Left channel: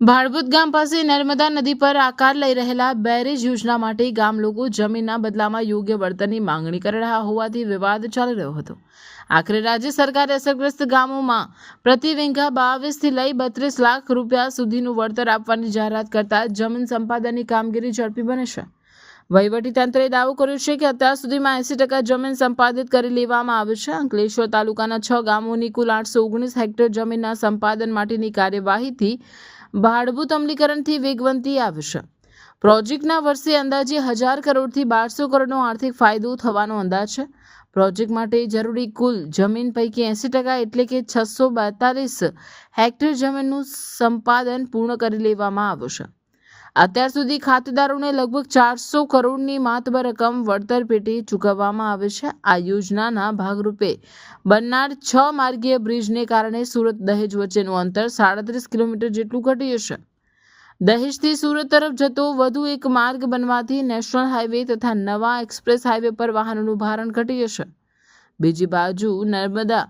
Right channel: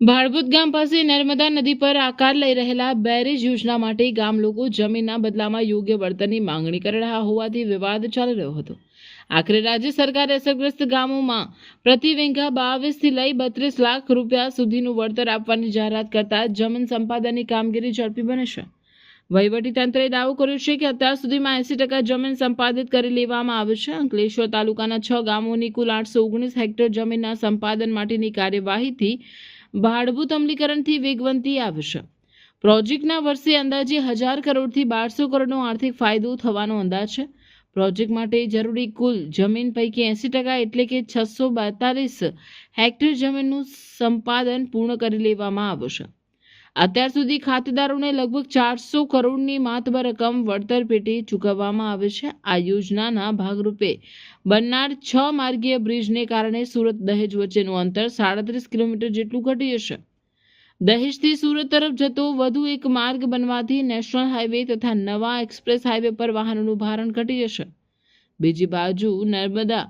ભાડભૂત ગામ પાસે નર્મદા નદી પર આકાર લઈ રહેલા બેરેજ યોજના માટે ગામ લોકો જમીનના બદલામાં યોગ્ય વળતરની માંગણી કરી રહ્યા હોવાથી વિવાદ ચાલી રહ્યો હતો. આખરે રાજ્ય સરકારે અસરગ્રસ્ત ગામોમાં પ્રતિ વીઘા 22 લઈ 32 લાખ રૂપિયા સુધીનું વળતર આપવાની જાહેરાત કરતા જમીન સંપાદનની કામગીરી ઝડપી બને છે. વહીવટીતંત્રે દાવો કર્યો છે કે અત્યાર સુધીમાં 80% જમીન સંપાદિત કરી લેવામાં આવી છે. અંકલેશ્વર તાલુકાના 6 ગામોની કુલ 819 હેક્ટર જમીનના સંપાદન માટેની કાર્યવાહીથી ભાડભૂત અમલીકરણથી વેગવંતી આવશે. પ્રોજેક્ટના વર્ષે અંદાજે 1000 કરોડથી 1200 કરોડનો આર્થિક ફાયદો થવાનો અંદાજ છે. પ્રોજેક્ટ માટે જરૂરી કુલ જમીન પૈકી 80% એટલે કે 642 હેક્ટર જમીનનું સંપાદન પૂર્ણ કરી લેવામાં આવ્યું છે. અત્યાર સુધી ખાતેદારોને લગભગ 400 કરોડની માતબર રકમ વળતર પેટે ચૂકવવામાં આવે છે. આ યોજનાના ભાગરૂપે બનનાર 6 માર્ગીય બ્રિજને કારણે સુરત દહેજ વચ્ચેનું અંતર 37 કિલોમીટર જેટલું ઘટી જશે. દહેજથી સુરત તરફ જતો વધુ એક માર્ગ બનવાથી નેશનલ હાઈવે તથા નવા એક્સપ્રેસ હાઈવે પર વાહનોનું ભારણ ઘટી જશે. બીજી બાજુ નર્મદા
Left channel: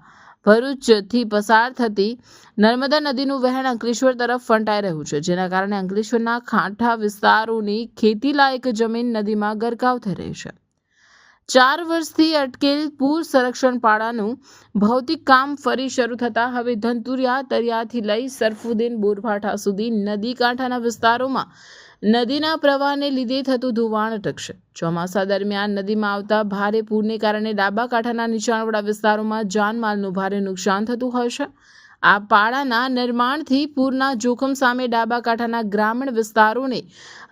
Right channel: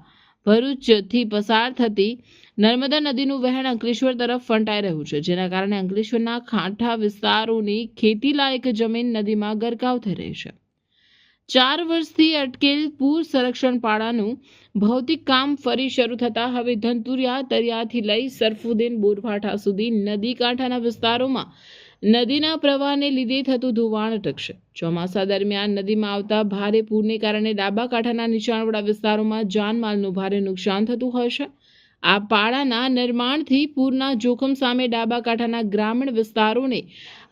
ભરૂચથી પસાર થતી નર્મદા નદીનું વહેણ અંકલેશ્વર તરફ ફંટાઈ રહ્યું છે, જેના કારણે અંકલેશ્વરના કાંઠા વિસ્તારોની ખેતીલાયક જમીન નદીમાં ગરકાવ થઈ રહી છે. 4 વર્ષથી અટકેલ પૂર સંરક્ષણ પાડાનું ભૌતિક કામ ફરી શરૂ થતાં હવે ધનતુરિયા તરિયાથી લઈ સરફુદ્દીન બોરભાઠા સુધી નદી કાંઠાના વિસ્તારોમાં નદીના પ્રવાહને લીધે થતું ધોવાણ અટકશે. ચોમાસા દરમિયાન નદીમાં આવતા ભારે પૂરને કારણે ડાબા કાંઠાના નીચાણવાળા વિસ્તારોમાં જાનમાલનું ભારે નુકસાન થતું હોય છે. આ પાડાના નિર્માણથી પૂરના જોખમ સામે ડાબા કાંઠાના ગ્રામીણ વિસ્તારોને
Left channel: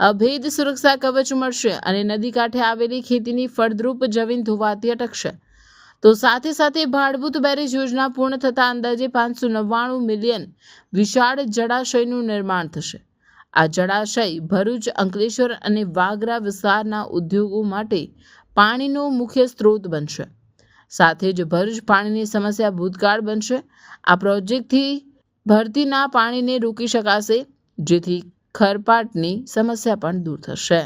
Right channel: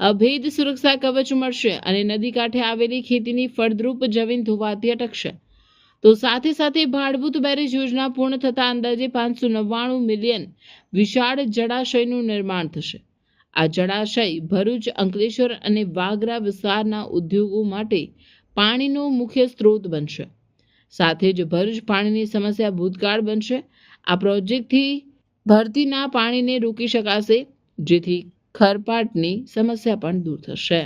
અભેદ સુરક્ષા કવચ મળશે અને નદી કાંઠે આવેલી ખેતીની ફળદ્રુપ જમીન ધોવાતી અટકશે. તો સાથે સાથે ભાડભૂત બેરેજ યોજના પૂર્ણ થતાં અંદાજે 599 મિલિયન વિશાળ જળાશયનું નિર્માણ થશે. આ જળાશય ભરૂચ, અંકલેશ્વર અને વાગરા વિસ્તારના ઉદ્યોગો માટે પાણીનો મુખ્ય સ્ત્રોત બનશે. સાથે જ ભરૂચ પાણીની સમસ્યા ભૂતકાળ બનશે. આ પ્રોજેક્ટથી ભરતીના પાણીને રોકી શકાશે, જેથી ખરપાટની સમસ્યા પણ દૂર થશે.